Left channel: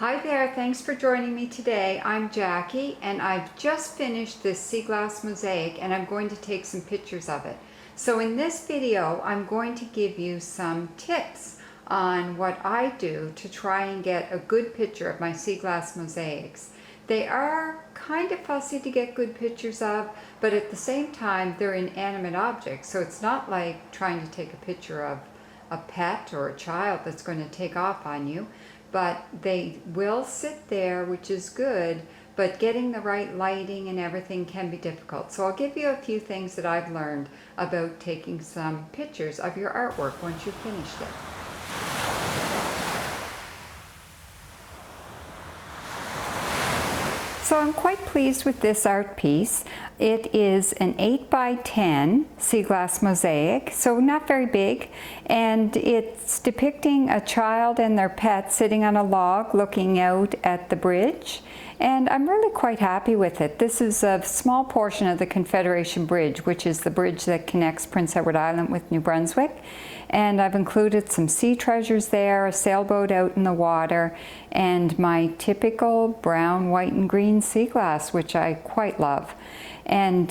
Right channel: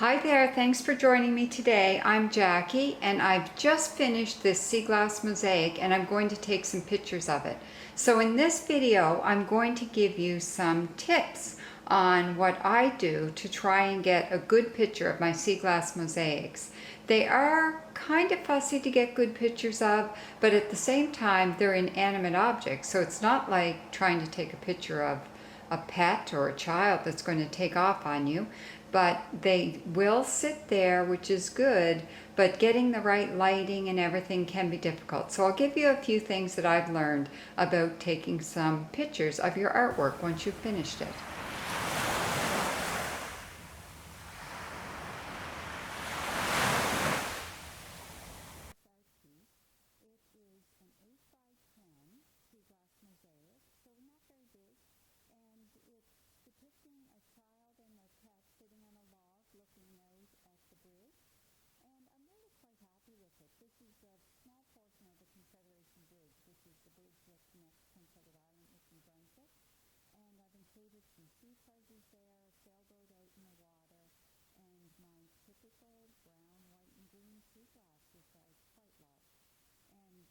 Hi there, thanks for joining me today. I'm Jackie and I've just finished this sea glass mosaic and I'm going to take some pictures of it. So in this video, I'm going to give you some tips on what I do to try and get a good picture of my sea glass mosaics. They are kind of fussy to get good pictures of, but at the same time, they're inanimate objects. So it's not like trying to take a picture of a pet or a child that's going to take off on you, but they will sit there, which is good, but getting the right lighting and everything can be difficult. So I'll give you a few things that I've learned about taking some pictures of your artwork once you've finished it. So I'm quite pleased with this art piece. It is an 8 by 10 sea glass mosaic, so not very big, and it's depicting a child and their pet sitting on a log looking out at the bridge, and I'm really quite happy with it. This is a small portion of the Confederation Bridge, which is the bridge that connects Prince Edward Island with New Brunswick. And I've included some sea treasures there, a sailboat out in the water, and my typical brown, white, and green sea glass, which I quite love. And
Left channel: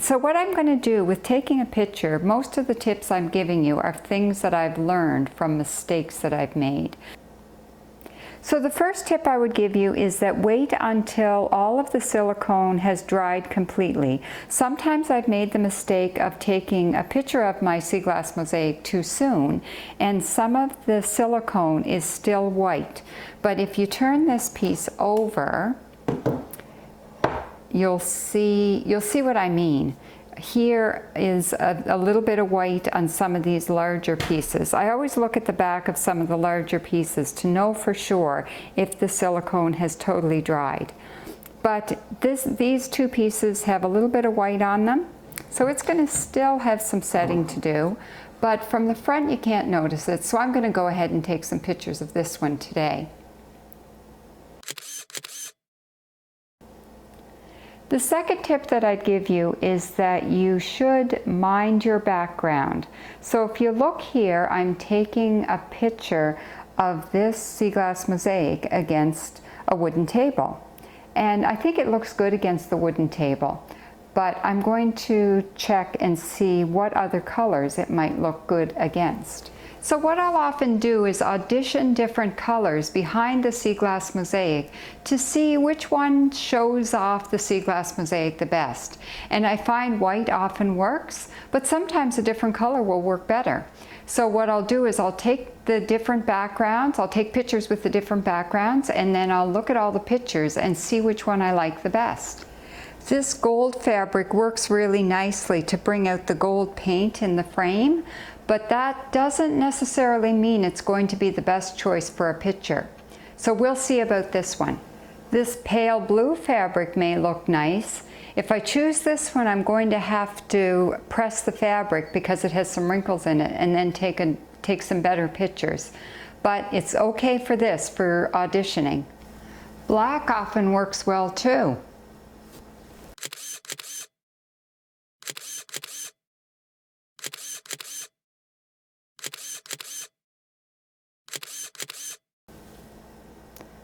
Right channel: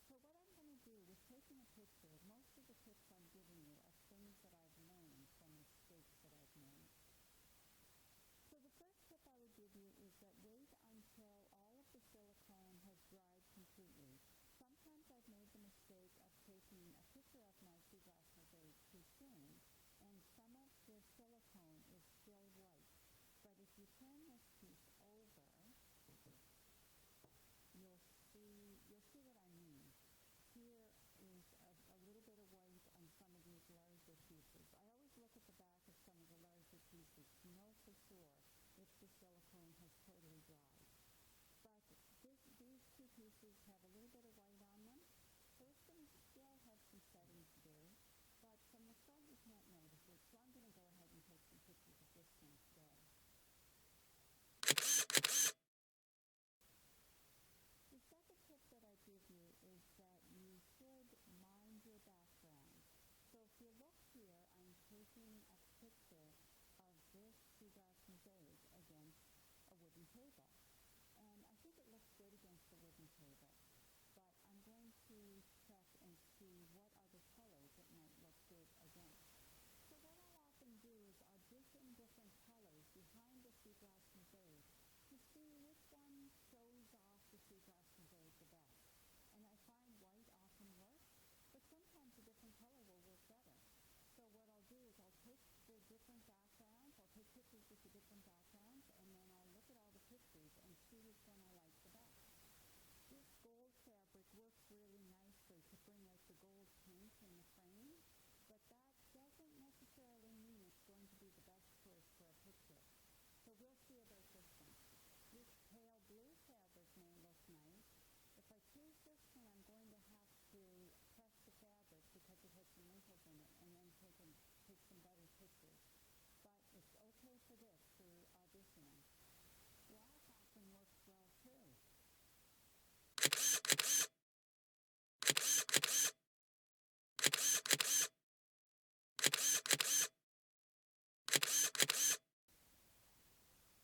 so what I'm going to do with taking a picture, most of the tips I'm giving you are things that I've learned from mistakes that I've made. So the first tip I would give you is that wait until all of the silicone has dried completely. Sometimes I've made the mistake of taking a picture of my sea glass mosaic too soon, and some of the silicone is still white. But if you turn this piece over, you'll see what I mean. Here is a little bit of white on some of these larger pieces. I always look at the back of some of the larger pieces to know for sure if the silicone has totally dried. But these two pieces have a little bit of white on them, so it's going to still have some setting to do, but from the front you can't notice it, so I'm going to go ahead and take some pictures of this one today. The second tip that I'd give you is that you should mind your background. So if you look here, I'm taking a picture of this sea glass mosaic against a wooden table. And I think it looks good against the wooden table, but I'm going to check and see what other colors it might look good against. So what I'll often do is audition different colors behind the sea glass mosaic to see which one shows off the sea glass mosaic the best. And I find white often works, but sometimes a different color will work better. So what I'll do is I'll take the different backgrounds, I'll take pictures with the different backgrounds, and then I'll look at all the pictures and see which one I like the best. This gold fabric works really nicely to bring out the gold paint in the frame, but that doesn't necessarily mean it's going to be the best choice for a picture. So we'll see about this one. This pale blue fabric may look nice. If I choose this one, I'm going to have to press the fabric because it has some wrinkles in it and then take some better pictures. But it's okay for this, for auditioning. Black often works well too.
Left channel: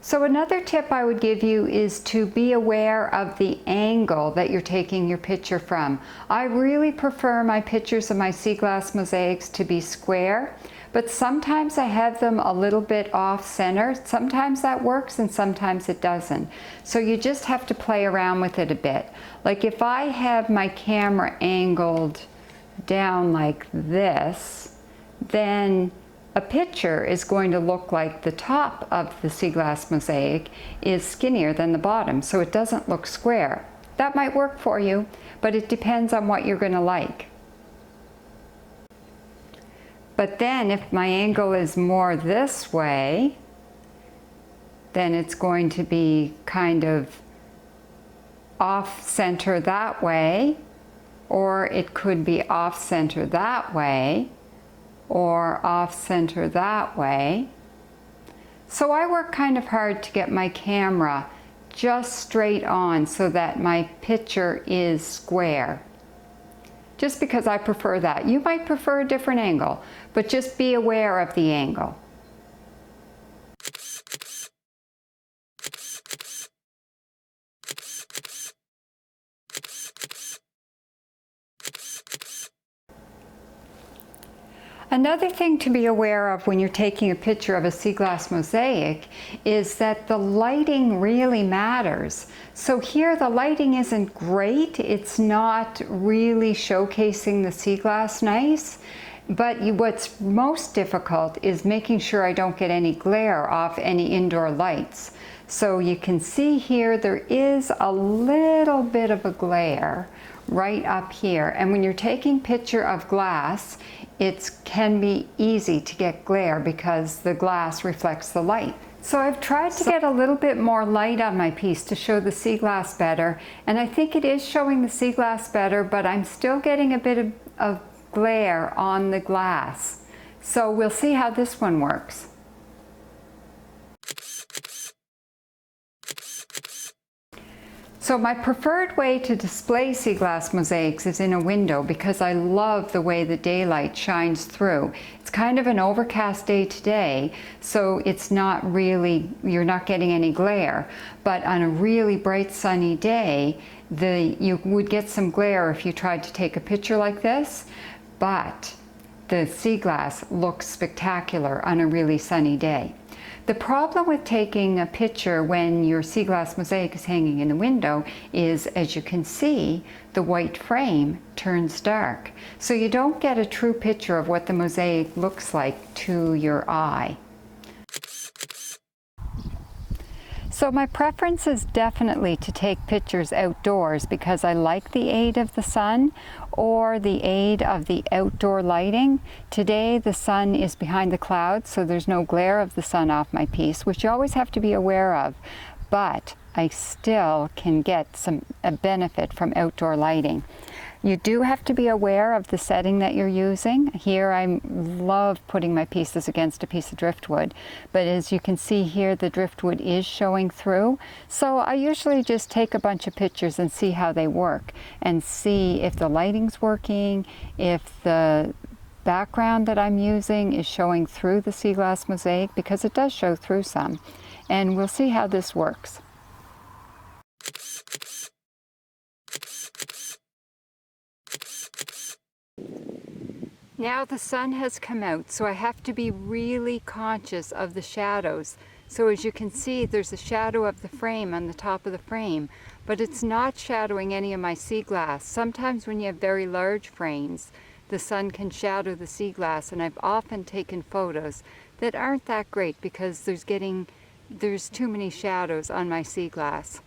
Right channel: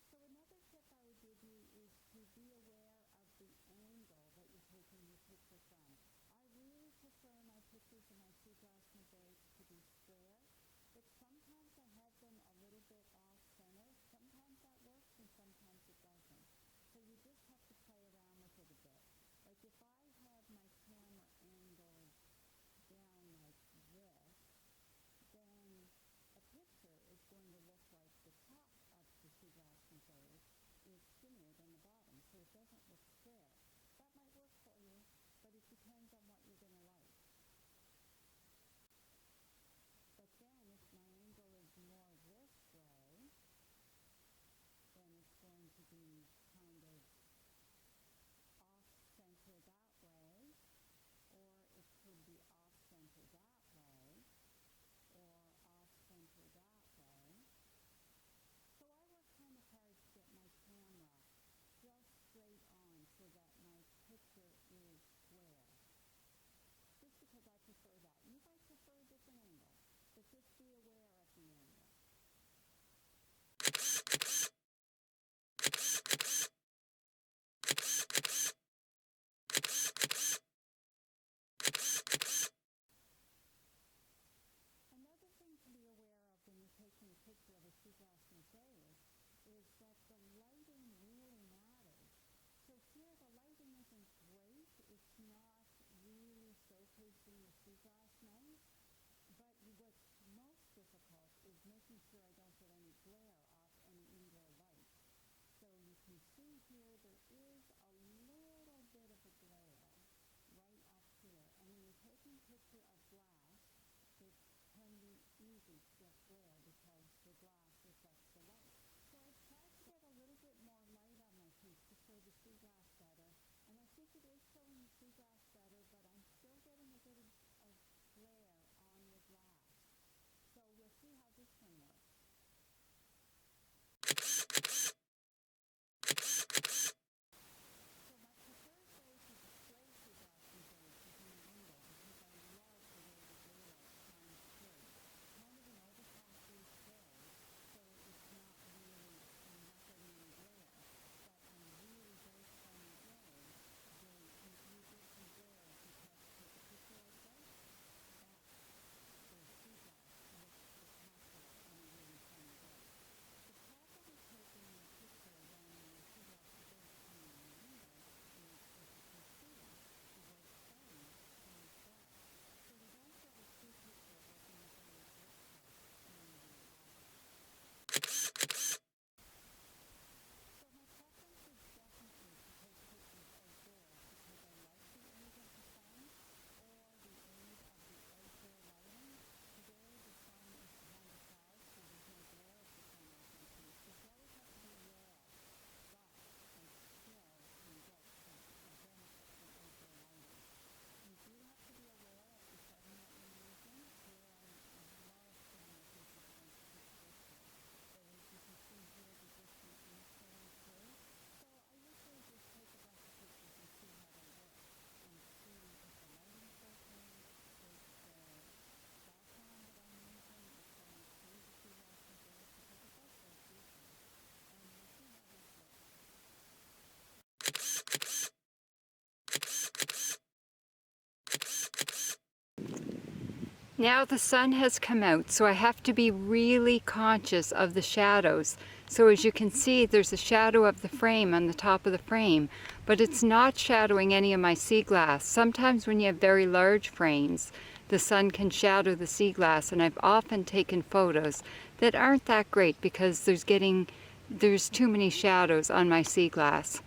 So another tip I would give you is to be aware of the angle that you're taking your picture from. I really prefer my pictures of my sea glass mosaics to be square, but sometimes I have them a little bit off center. Sometimes that works and sometimes it doesn't. So you just have to play around with it a bit. Like if I have my camera angled down like this, then a picture is going to look like the top of the sea glass mosaic is skinnier than the bottom, so it doesn't look square. That might work for you, but it depends on what you're going to like. But then if my angle is more this way, then it's going to be kind of off center that way, or it could be off center that way, or off center that way. So I work kind of hard to get my camera just straight on so that my picture is square. Just because I prefer that. You might prefer a different angle, but just be aware of the angle. Another thing to be aware of when you're taking a picture of a sea glass mosaic is that the lighting really matters. So here the lighting isn't great. It's not really showcasing the sea glass nice. But what's most difficult is making sure I don't get any glare off any indoor lights. So you can see here there is a little bit of a glare right up here. And when you're taking picture of glass, it can be easy to get glare because the glass reflects the light. So I've tried to get a little bit more light on my piece to show the sea glass better, and I think it is showing the sea glass better, but I'm still getting a bit of glare on the glass. So we'll see how this one works. So my preferred way to display sea glass mosaics is in a window because I love the way the daylight shines through. It's kind of an overcast day today, so it's not really, you're not getting any glare. But on a really bright sunny day, you would get some glare if you tried to take a picture like this, but the sea glass looks spectacular on a really sunny day. The problem with taking a picture when your sea glass mosaic is hanging in the window is, as you can see, the white frame turns dark. So you don't get a true picture of what the mosaic looks like to your eye. So my preference is definitely to take pictures outdoors because I like the aid of the sun or the aid of the outdoor lighting. Today the sun is behind the clouds, so there's no glare of the sun off my piece, which you always have to be aware of, but I still can get a benefit from outdoor lighting. You do have to be aware of the setting that you're using. Here I love putting my pieces against a piece of driftwood, but as you can see here, the driftwood is showing through. So I usually just take a bunch of pictures and see how they work and see if the lighting's working, if the background that I'm using is showing through the sea glass mosaic, because it does show through some. And we'll see how this works. Now the sun has come out, so I have to be really conscious of the shadows. So as you can see, there's a shadow of the frame on the top of the frame, but it's not shadowing any of my sea glass. Sometimes when you have very large frames, the sun can shadow the sea glass, and I've often taken photos that aren't that great because there's too many shadows on my sea glass.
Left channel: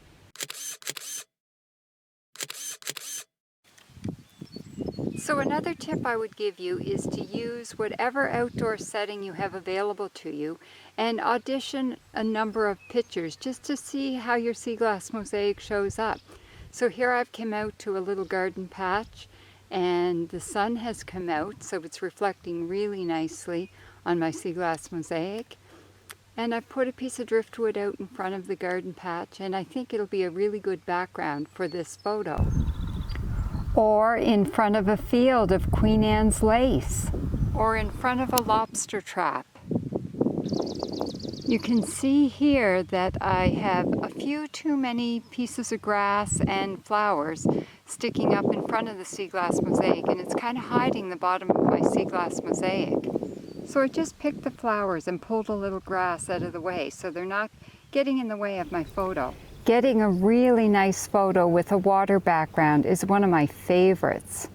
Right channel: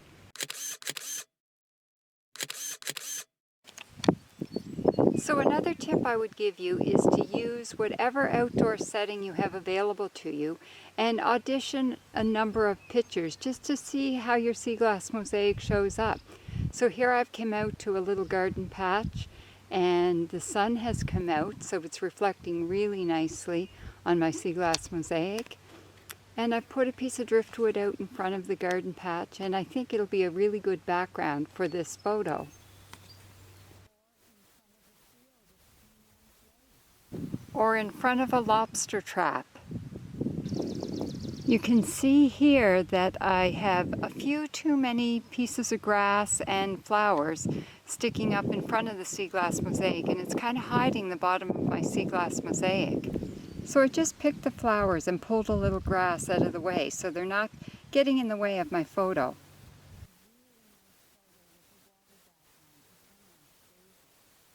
So another tip I would give you is to use whatever outdoor setting you have available to you and audition a number of pictures just to see how your sea glass mosaic shows up. So here I've come out to a little garden patch and the sun has come out, so it's reflecting really nicely on my sea glass mosaic. And I've put a piece of driftwood out in front of the garden patch, and I think it'll be a really good background for this photo. Or in front of a field of Queen Anne's lace, or in front of a lobster trap. You can see here that I have a few too many pieces of grass and flowers sticking up in front of the sea glass mosaic, and it's kind of hiding the bottom of my sea glass mosaic. So I just picked the flowers and pulled a little grass out of the way so they're not getting in the way of my photo. Getting a really nice photo with a water background is one of my favorites.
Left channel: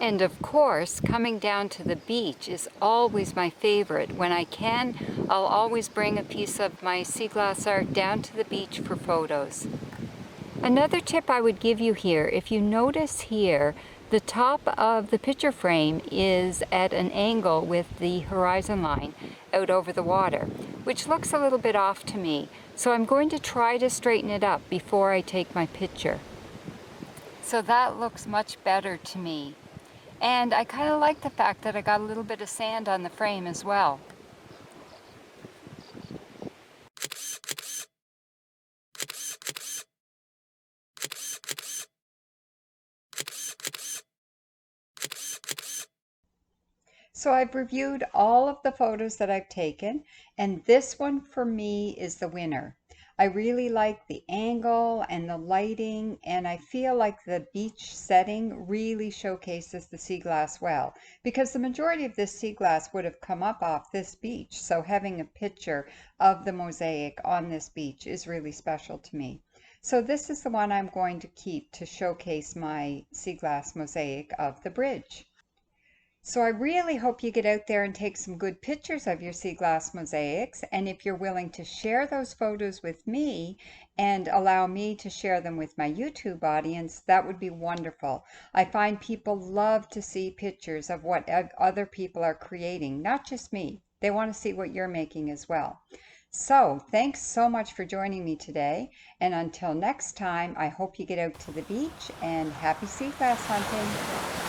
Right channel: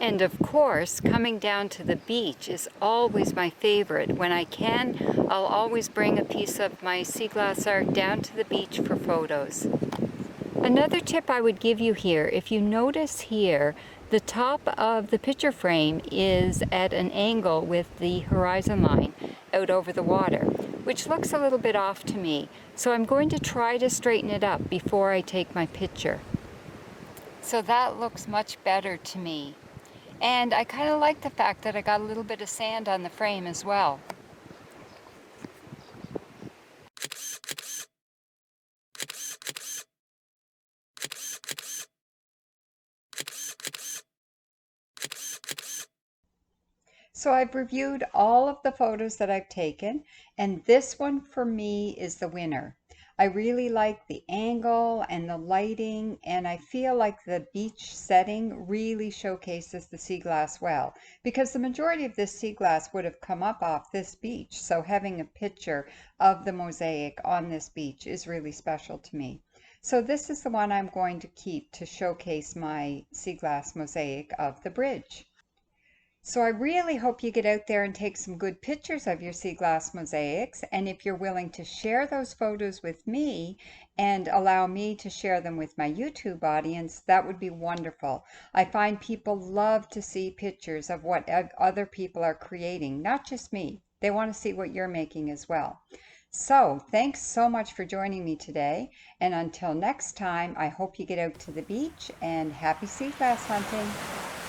And of course, coming down to the beach is always my favorite. When I can, I'll always bring a piece of my sea glass art down to the beach for photos. Another tip I would give you here, if you notice here, the top of the picture frame is at an angle with the horizon line out over the water, which looks a little bit off to me. So I'm going to try to straighten it up before I take my picture. So that looks much better to me. And I kind of like the fact that I got a little bit of sand on the frame as well. So I've reviewed all of the photos that I've taken, and this one for me is the winner. I really like the angle and the lighting, and I feel like the beach setting really showcases the sea glass well, because the majority of this sea glass would have come up off this beach. So having a picture of the mosaic on this beach is really special to me. So this is the one I'm going to keep to showcase my sea glass mosaic of the bridge. So I really hope you get out there and take some good pictures of your sea glass mosaics. And if you're willing to share those photos with me and allow me to share them with my YouTube audience, that would be wonderful. I find people love to see pictures of what other people are creating, not just me. They want to see what you're making as well. So thanks so much for joining me today. And until next time, I hope you get out to the beach and happy sea glass hunting.